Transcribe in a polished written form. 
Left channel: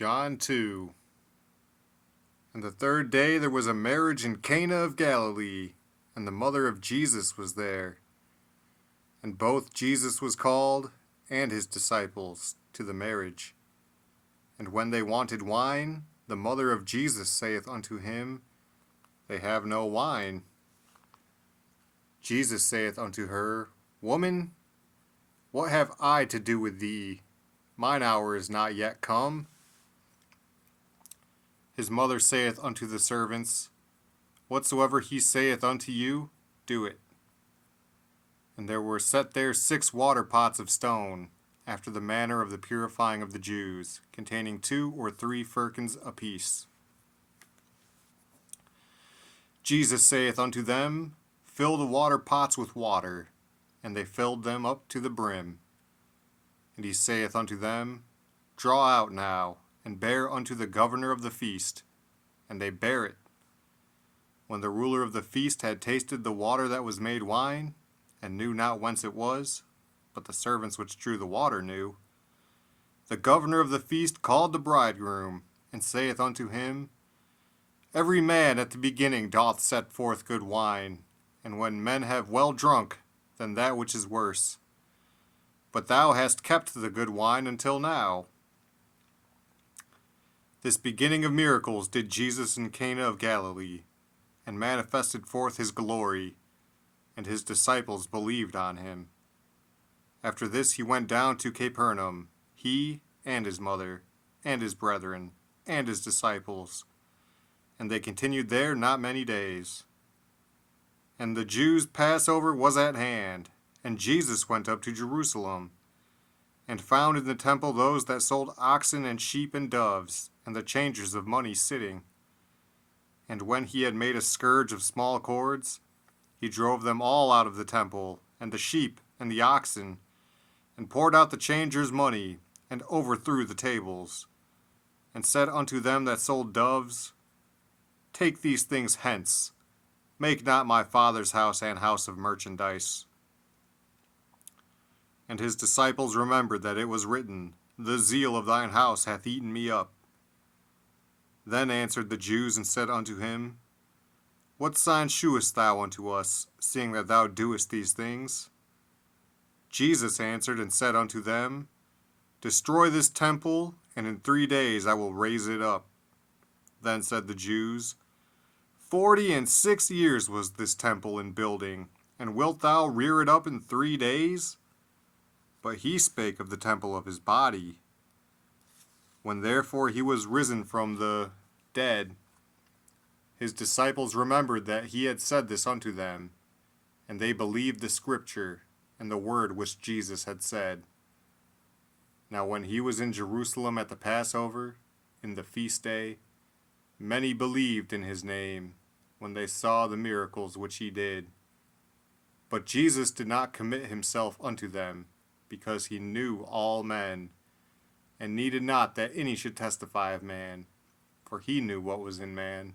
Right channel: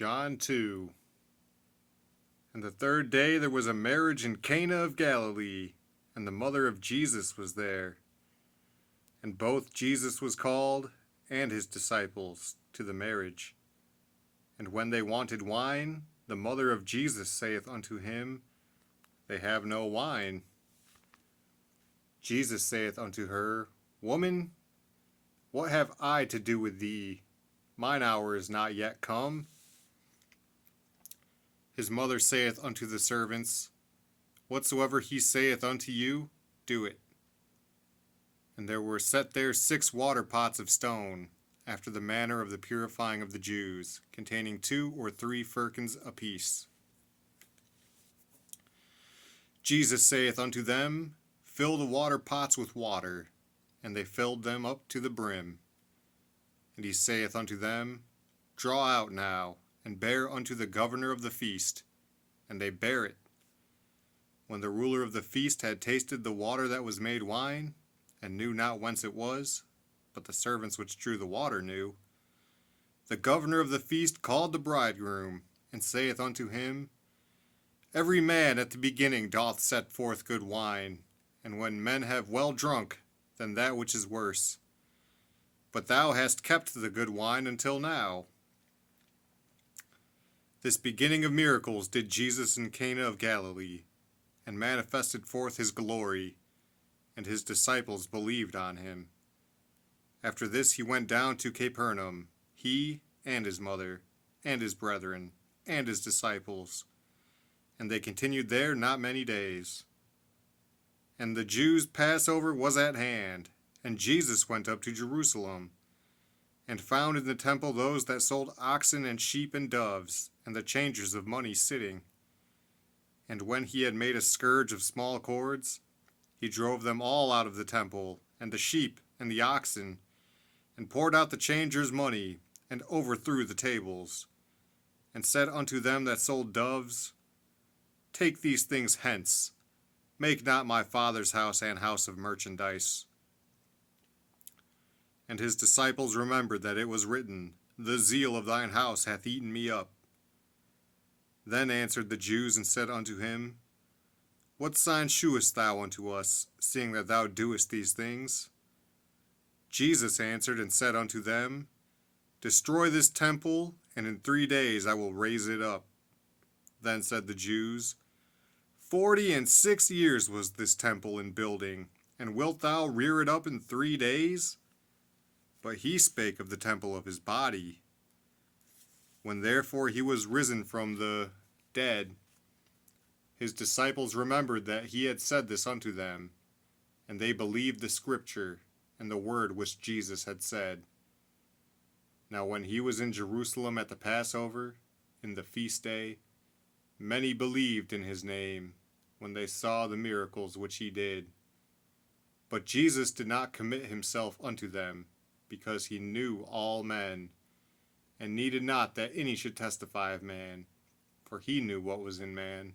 John 2. And the third day there was a marriage in Cana of Galilee, and the mother of Jesus was there. And both Jesus was called, and his disciples, to the marriage. And when they wanted wine, the mother of Jesus saith unto him, They have no wine. Jesus saith unto her, Woman, what have I to do with thee? Mine hour is not yet come. His mother saith unto the servants, Whatsoever he saith unto you, do it. And there were set there 6 water pots of stone, after the manner of the purifying of the Jews, containing 2 or 3 firkins apiece. Jesus saith unto them, Fill the water pots with water. And they filled them up to the brim. And he saith unto them, Draw out now, and bear unto the governor of the feast. And they bare it. When the ruler of the feast had tasted the water that was made wine, and knew not whence it was, but the servants which drew the water knew, the governor of the feast called the bridegroom, and saith unto him, Every man at the beginning doth set forth good wine, and when men have well drunk, then that which is worse. But thou hast kept the good wine until now. This beginning of miracles did Jesus in Cana of Galilee, and manifested forth his glory, and his disciples believed on him. After this he went down to Capernaum, he and his mother, and his brethren, and his disciples. And they continued there not many days. And the Jews' Passover was at hand, and Jesus went up to Jerusalem, and found in the temple those that sold oxen and sheep and doves, and the changers of money sitting. And when he had made a scourge of small cords, he drove them all out of the temple, and the sheep and the oxen, and poured out the changers' money, and overthrew the tables, and said unto them that sold doves, Take these things hence. Make not my Father's house an house of merchandise. And his disciples remembered that it was written, The zeal of thine house hath eaten me up. Then answered the Jews and said unto him, What sign shewest thou unto us, seeing that thou doest these things? Jesus answered and said unto them, Destroy this temple, and in 3 days I will raise it up. Then said the Jews, 46 years was this temple in building, and wilt thou rear it up in 3 days? But he spake of the temple of his body. When therefore he was risen from the dead, his disciples remembered that he had said this unto them, and they believed the scripture and the word which Jesus had said. Now when he was in Jerusalem at the Passover, in the feast day, many believed in his name, when they saw the miracles which he did. But Jesus did not commit himself unto them, because he knew all men, and needed not that any should testify of man, for he knew what was in man.